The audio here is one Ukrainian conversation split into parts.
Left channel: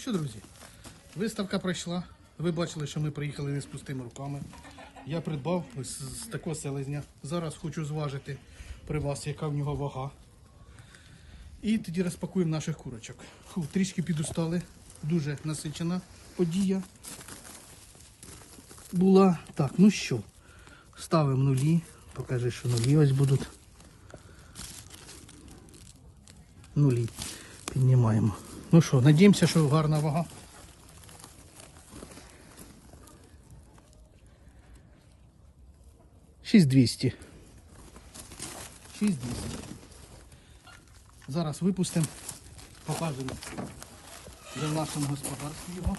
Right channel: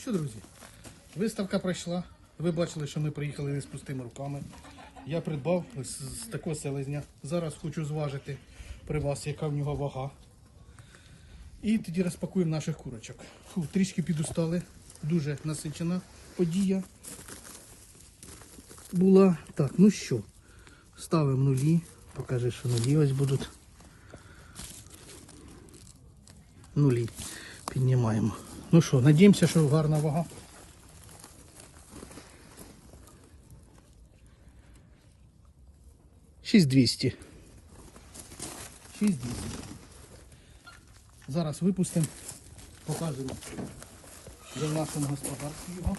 що, друзі, виставка пройшла. Ви бачили, що ми приїхали не з пустими руками. Я придбав з такого селезня. Зараз хочу зважити при вас, яка в нього вага. І тоді розпакуємо наших курочок. Фу, трішки підустали. Дуже насичена подія була. Так, ну що, ставимо нулі. Покажи, що нулі ось будуть. Нулі. Піднімаємо. Ну що, надіємося, що гарна вага. Шість двісті. Шість двісті. Зараз випустимо. Покажемо. за нашому господарстві його.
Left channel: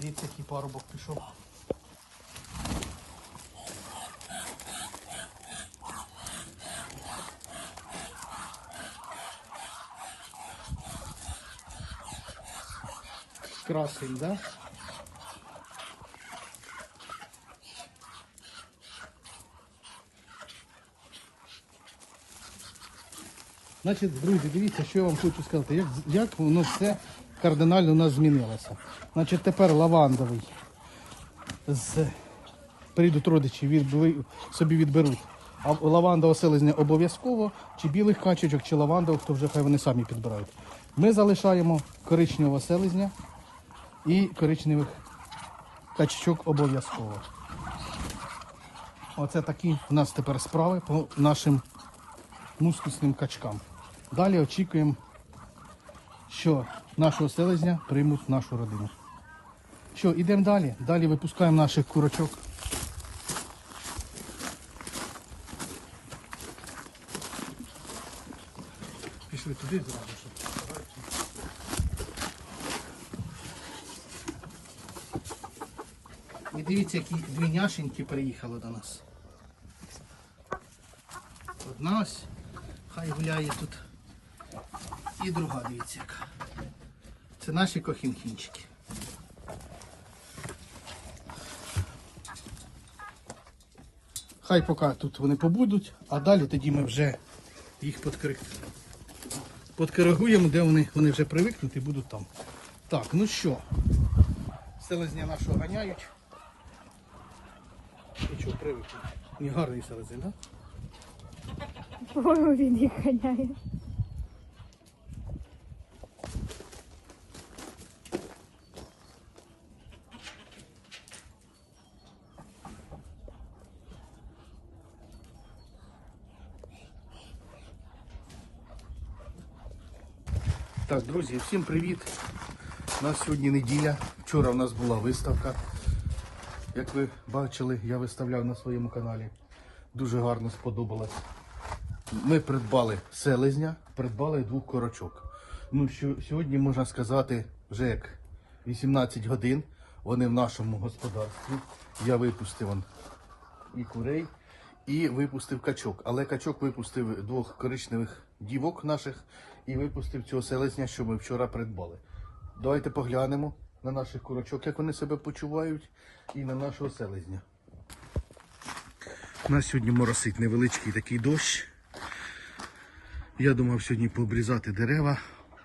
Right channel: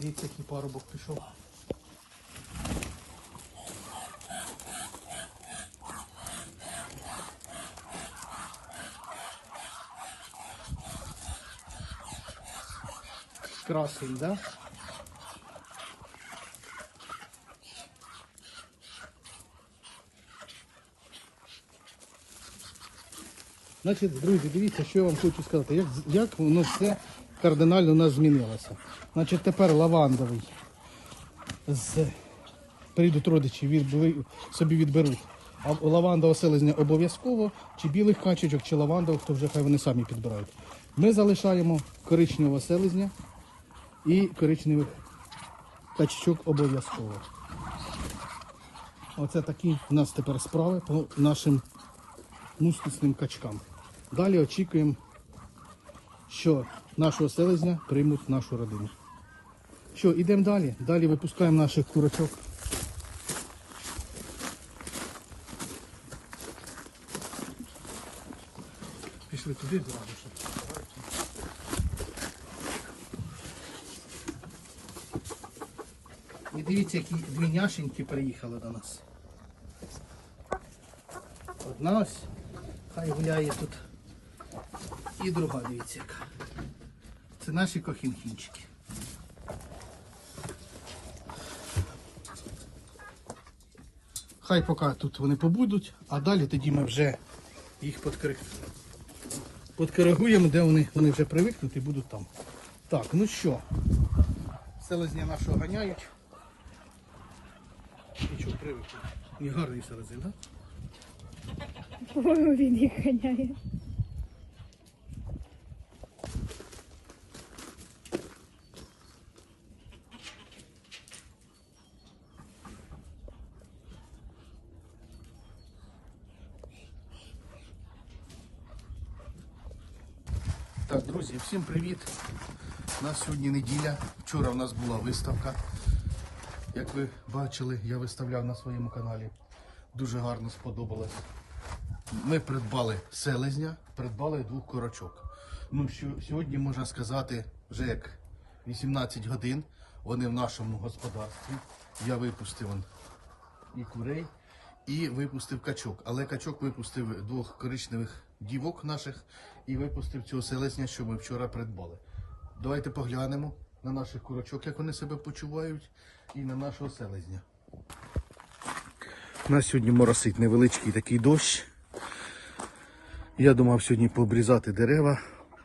Дивіться, який парубок пішов. Красень, да? Значить, друзі, дивіться, що я вам хочу сказати. Як, як воно все кардинально у нас змінилося. Значить, тепер лавандовий з прийдуть родичі, від, собі відберуть. А лавандового селезня обов'язково, чи білих качечок, чи лавандових, то вже хай вони самі підбирають. Ми залишаємо коричневого селезня і коричневих качечок обов'язково. Оце такі в нас тепер справи по нашим мускусним качкам. Далі очікуємо, що нашого селезня приймуть нашу родину. Що, йдемо далі. Далі випускаємо наших курочок. Пішли туди зразу. щоб. І дивіться, які дві няшеньки приїхали до нас. Одна ось, хай гуляє тут. І друга, дивіться яка. Це наші кохінхінчики. Хай поки тут вони побудуть, а далі тоді ми вже їх подкоригуємо, де вони, вони вже привикнуть і будуть там. Так, ну що, селезні нашого ганяють. І що, привикли? Не гарний селезень, так? По-моєму, він їх ганяє. Так, друзі, всім привіт. У нас сьогодні неділя. Вчора у нас була виставка. Як ви бачили, я виставляв на своєму каналі. Дуже гарно сподобалось. Ми придбали селезня, придбали двох корочок. Ну, сьогодні можна сказати, вже як 18 годин. Вони в нашому господарстві. Я випустив он і курей, і випустив качок. Але качок випустив двох коричневих дівок наших і випустив цього селезня, що ми вчора придбали. Давайте поглянемо на наших курочок, як вони себе почувають, і на нашого селезня. У нас сьогодні моросить невеличкий такий дощ. Я думав сьогодні пообрізати дерева,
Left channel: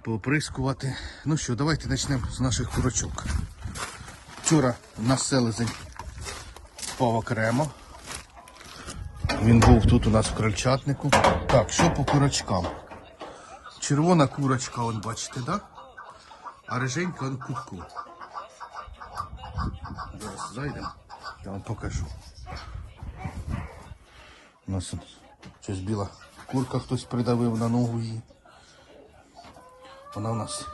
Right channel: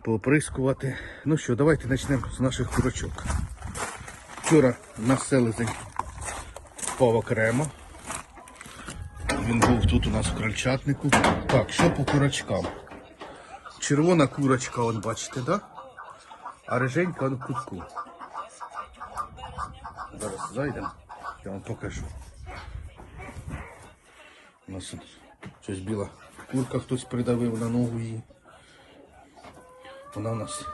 пооприскувати. Ну що, давайте почнемо з наших курочок. Вчора наш селезень впав окремо. Він був тут у нас в крольчатнику. Так, що по курочкам? Червона курочка, он бачите, да? А риженька он в кутку. Зараз зайдемо, я вам покажу. У нас тут щось біла курка хтось придавив на ногу її. Вона у нас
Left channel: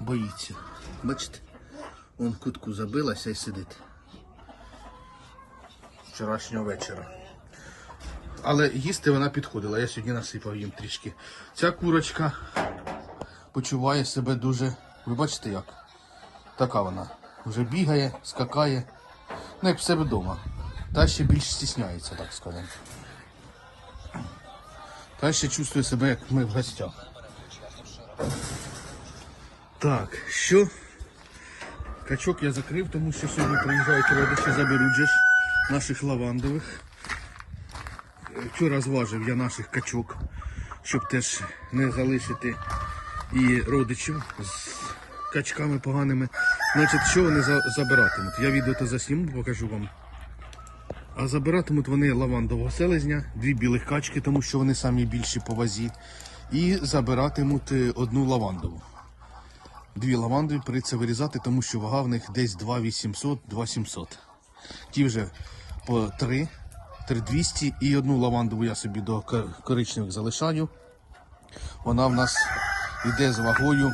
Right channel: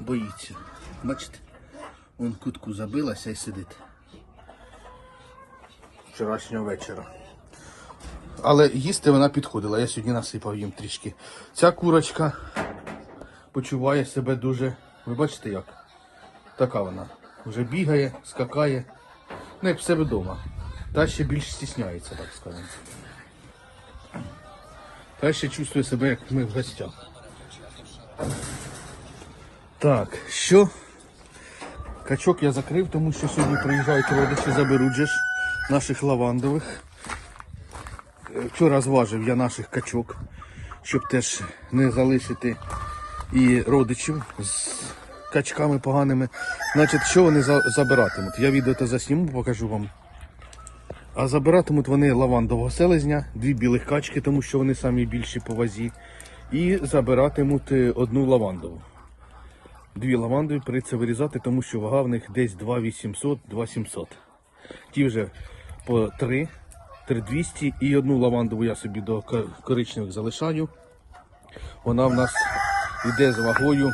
боїться. Бачите? Вон кутку забилася і сидить. Вчорашнього вечора. Але їсти вона підходила. Я сьогодні насипав їм трішки. Ця курочка почуває себе дуже. Ви бачите як? Така вона. Вже бігає, скакає. Ну, як в себе вдома. Та ще більш стісняється, так скажемо. Та ще чувствує себе, як ми в гостях. Так, що Качок я закрив, тому що сьогодні приїжджають родичі, заберуть же наших лавандових. Вчора зважив я наших качок, щоб теж не залишити і родичів з качками поганими. Значить, що вони забиратимуть? Я відео то засніму, покажу вам. А забиратимуть вони лавандового селезня, дві білих качки, тому що вони самі більші по вазі. І забиратимуть е, одну лавандову. Дві лаванди прийдеться вирізати, тому що вага в них десь 2800 2700 Ті вже по 3, 3200 і одну лавандову я собі до ко- коричневих залишаю. Вона в нас йде з вагою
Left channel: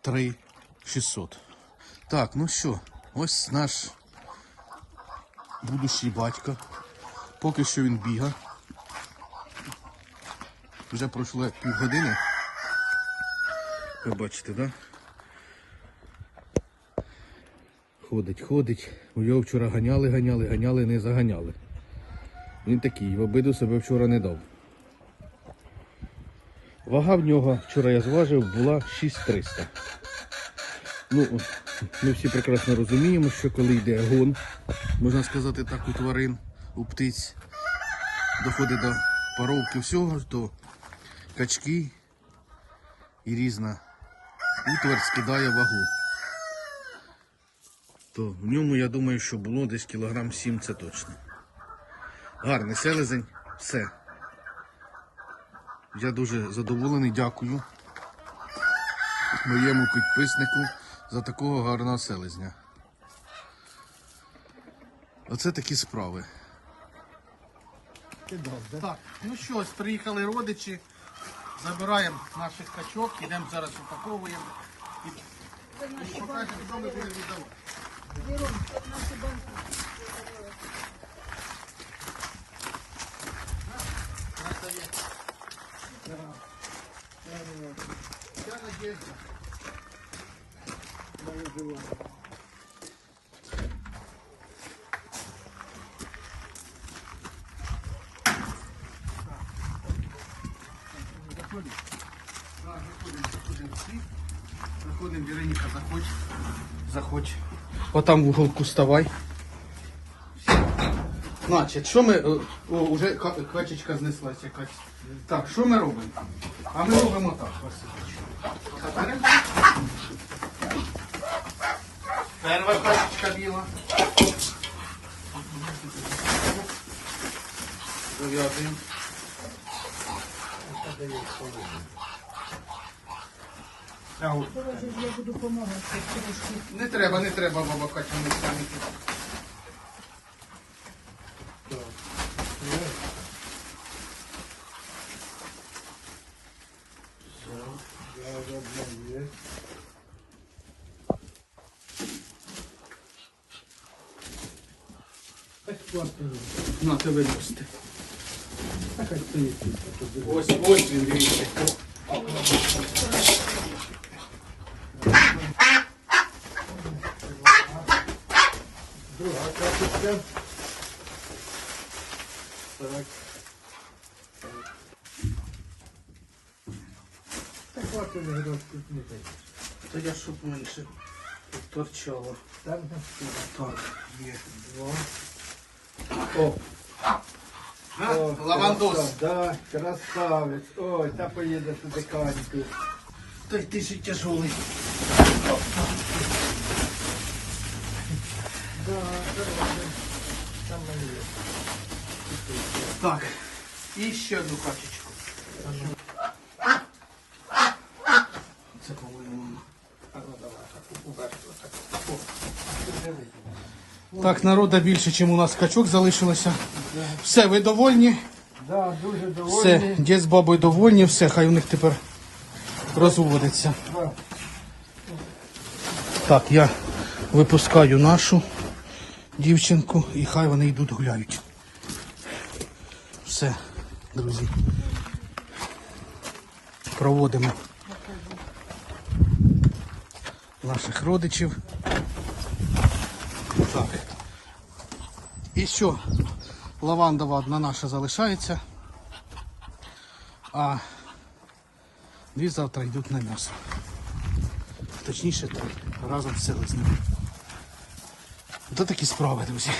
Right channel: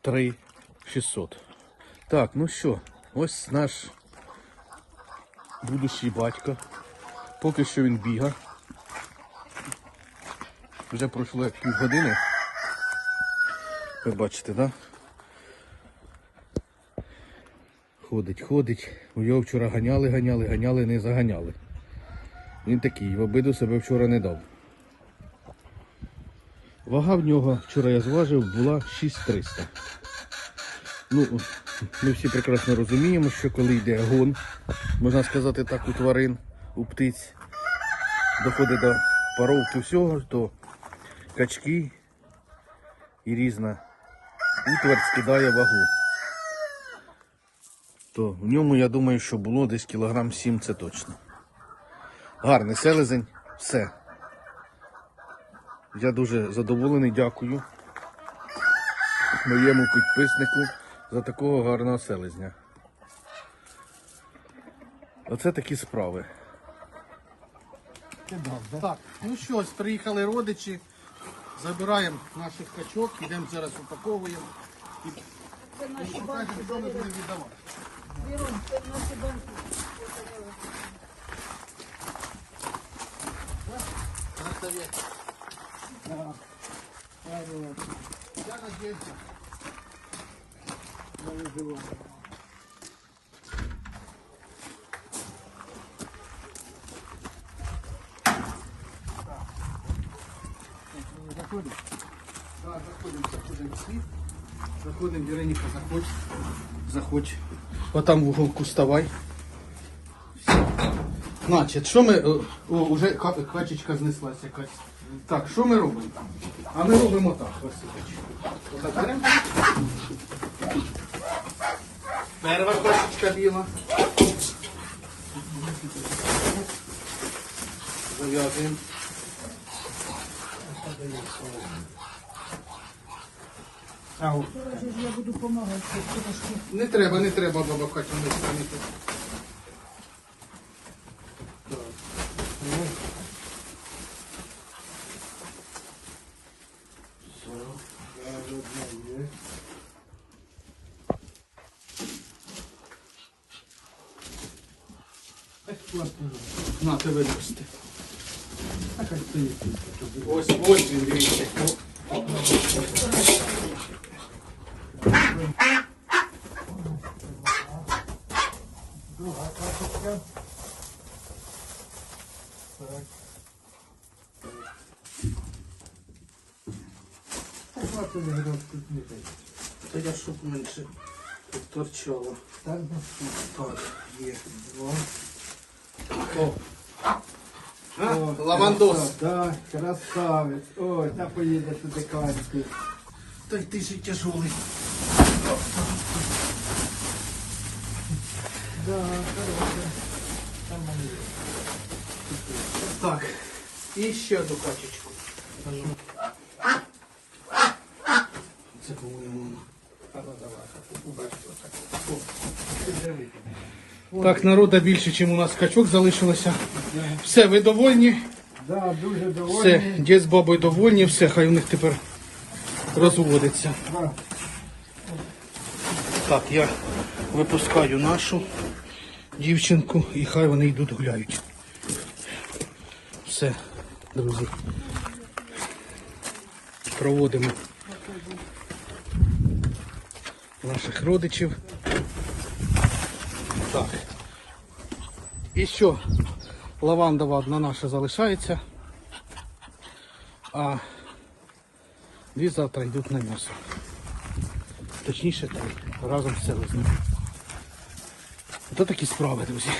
3600. Так, ну що, ось наш будущий батько. Поки що він біга. Вже пройшло як півгодини. Ви бачите, так? Да? Ходить, ходить. Його вчора ганяли, ганяли, ганяли, не заганяли. Він такий, в обиду себе вчора не дав. Вага в нього, вчора я зважив, була 6300. Ну, ми всі прекрасно розуміємо, що коли йде гон, можна сказати так, у тварин, у птиць, доходить до паровки всього, то качки і різна утварь скидає вагу. То в ньому, я думаю, що було десь кілограм 7, це точно. Гарний селезень, все. Я дуже задоволений, дякую моєму підписнику за такого гарного селезня. Оце такі справи. Так, ну що, приїхали родичі, забираємо наших качок, йдемо зараз упаковуємо і покажемо, що ми будемо віддавати. Я надеюсь. Заходим. Да, заходим, заходим. Заходим, Вероніка, заходь. Заходь. Отам вон пуставай. Значить, що ми. е, Уже ка- качечка знеслась якась. Так, що ми робимо? А ми робимо так. Отак беремо. Перша качечка біла. Зав'язуємо. Ау. Не треба, не треба, баба Катя, не станете. На тебе їсти. Ось, ось він, дивіться. Карточка. Так. Так от він грав кутнути. Та я щоб менше торчало. Так, так, є. О. А, лавандос. Так, красавець. Ой, та поїде туди качки. Той ти ж тяжелий. Так. І ще одну качечку. Це по-моєму. Так, народа більше, ніж у нас качок залишилося. Все, ви довольні? Да, дуже довольні. Все, дід з бабою довольні, все, хай у них тепер розводиться. Так, я випускаю нашу дівчинку і хай вони йдуть гуляють. Все, друзі. Проводимо наших родичів. Так. І що? Лавандова одна наша залишається. А дві завтра йдуть на м'ясо. точніше три. Разом з селезнем. Ото такі справи, друзі.